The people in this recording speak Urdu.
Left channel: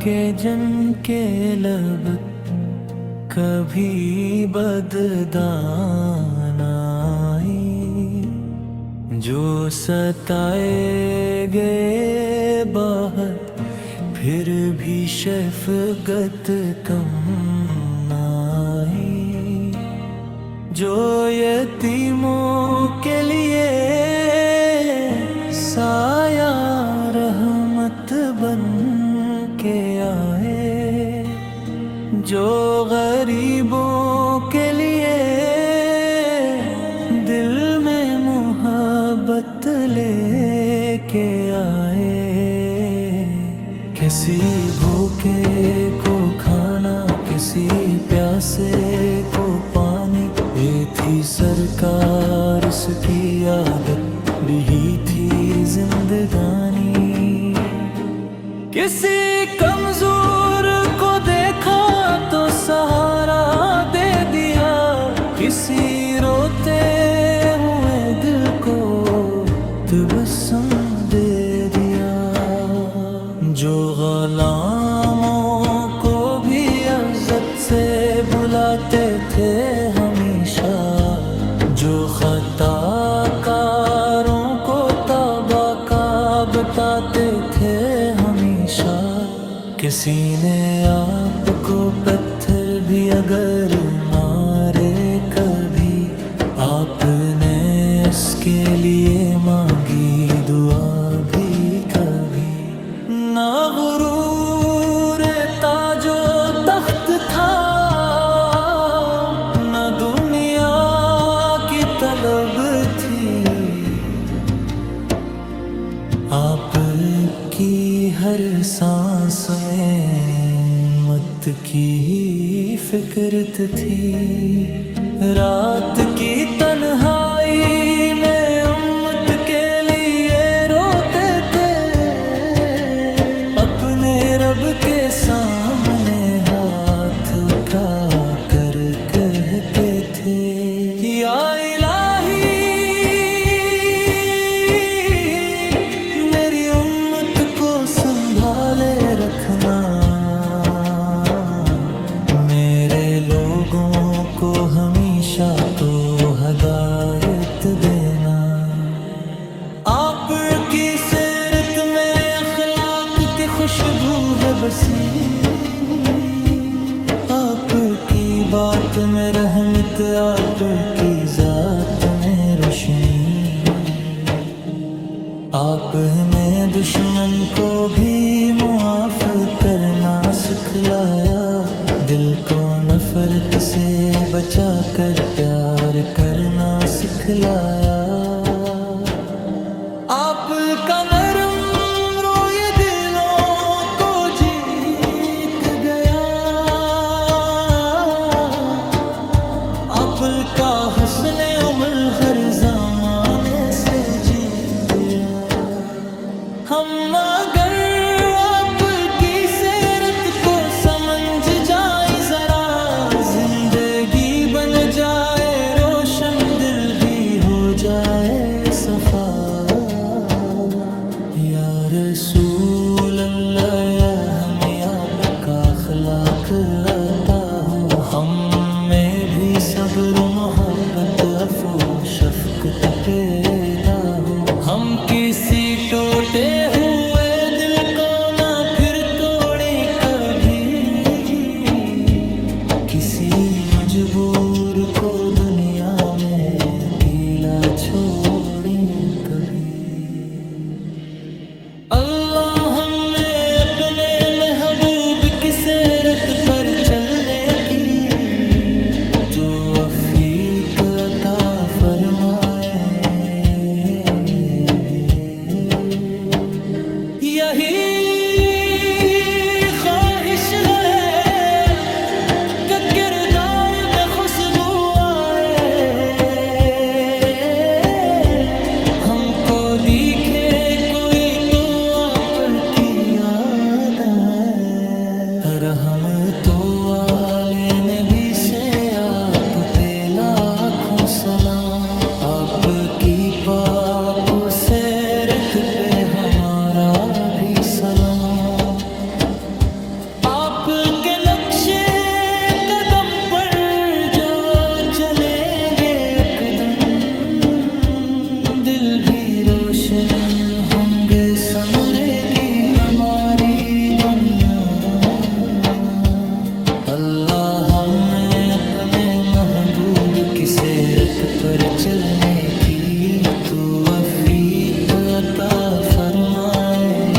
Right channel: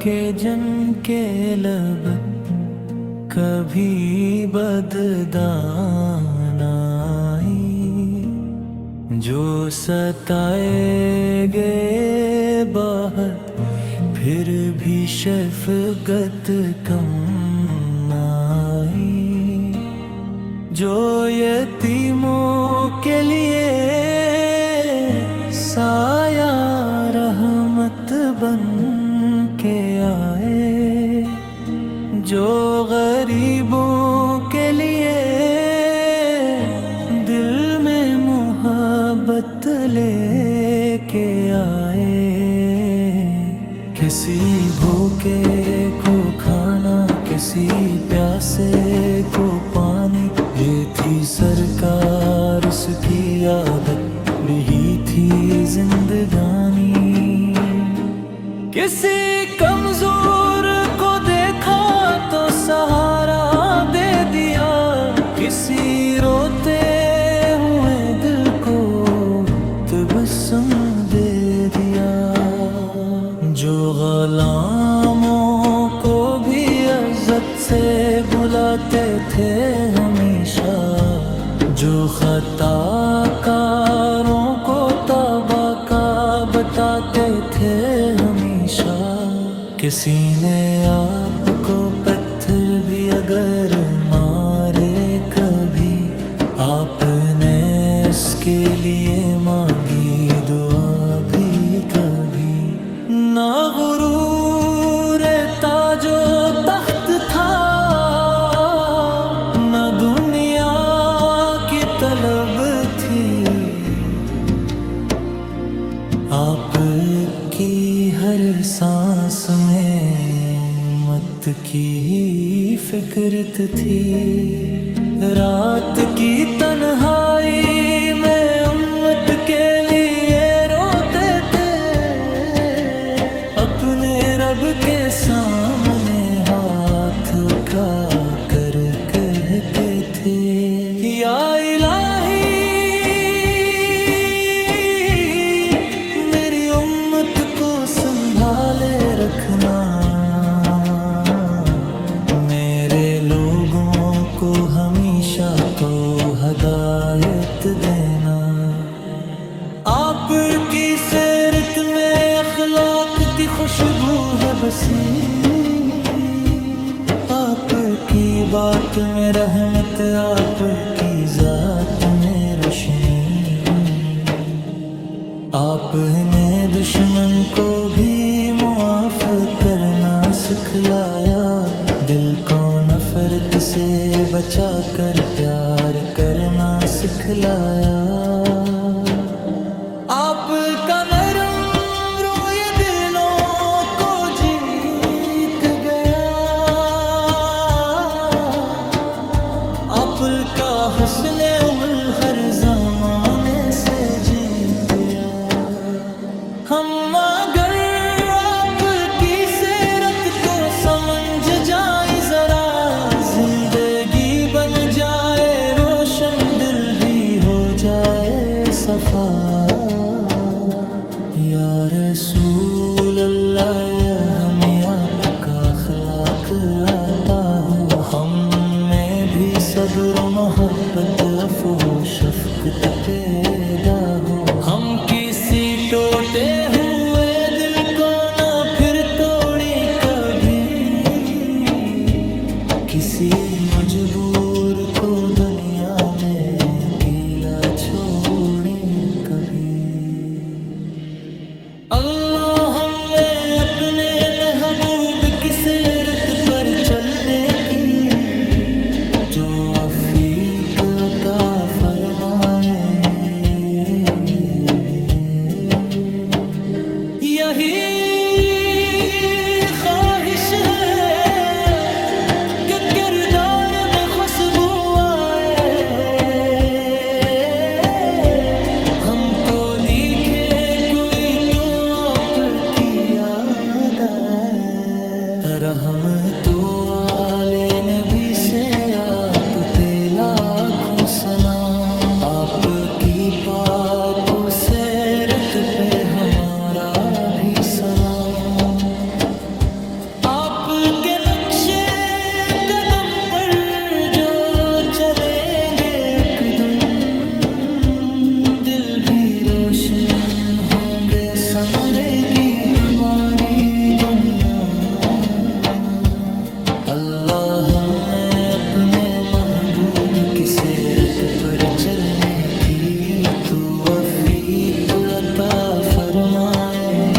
کے جن کے لب کبھی بددان آئی، جو ستائے گئے باہر پھر بھی شفقت کم نہ آئی، جو یتیموں کے لیے سایہ رحمت بن کے آئے، جو غریبوں کے لیے دل میں محبت لے کے آئے، کسی بھوکے کو کھانا، کسی پیاسے کو پانی، یہ تھی سرکار اس کی عادت، یہی تھی زندگانی۔ کسی کمزور کو دیکھا تو سہارا دے دیا، کسی روتے ہوئے دل کو تبسم دے دیا، جو غلاموں کو بھی عزت سے بلاتے تھے ہمیشہ، جو خطا کاروں کو توبہ کا بتاتے تھے ہمیشہ، کسی نے آپ کو پتھر بھی اگر مارے کبھی، آپ نے اس کے لیے مانگی دعا بھی کبھی، نہ غرور تاج و تخت تھا، نہ دنیا کی طلب تھی، آپ کی ہر سانس میں مت کی ہی فکرت تھی، رات کی تنہائی میں امت کے لیے روتے تھے، اپنے رب کے سامنے ہاتھ اٹھا کر کہتے تھے، یا الہی میری امت کو سنبھالے رکھنا، میرے لوگوں کو ہمیشہ تو ہدایت دینا، آپ کی سیرت میں اخلاق کی خوشبو ہے بسی، آپ کی بات میں رحمت، آپ کی ذات میں روشنی، آپ نے دشمن کو بھی معاف کرنا سکھلایا، دل کو نفرت سے بچا کر پیار کرنا سکھلایا، آپ کا نرم رویہ دلوں کو جیت گیا، آپ کا حسن عمل ہر زمانے سے جیت گیا، ہم اگر آپ کی سیرت کو سمجھ جائیں ذرا، زندگی بن جائے روشن، دل بھی ہو جائے صفا، یا رسول اللہ یا ہمیں آپ کا اخلاق آتا ہو، ہم میں بھی صبر و محبت عفو شفقت پیدا ہو، ہم کسی ٹوٹے ہوئے دل کو نہ پھر توڑیں کبھی، کسی مجبور کو دنیا میں اکیلا چھوڑیں کبھی، اللہ ہمیں اپنے محبوب کی سیرت پر چلنے کی جو عفیق عطا فرمائے، یہی خواہش ہے کہ کردار میں خوشبو آئے، ہم کو دیکھے کوئی تو آپ کی یاد آئے، رحم تو والے نبی سے آپ پہ لاکھوں سلام، آپ کی پاک سیرت پہ ہمارا بھی سلام، آپ کے نقشے قدم پر جو چلیں گے ایک دن، دل بھی روشن ہوں گے، سنورے گی ہماری دنیا۔ اللہ ہمیں اپنے محبوب کی سیرت پر چلنے کی توفیق عطا فرمائے۔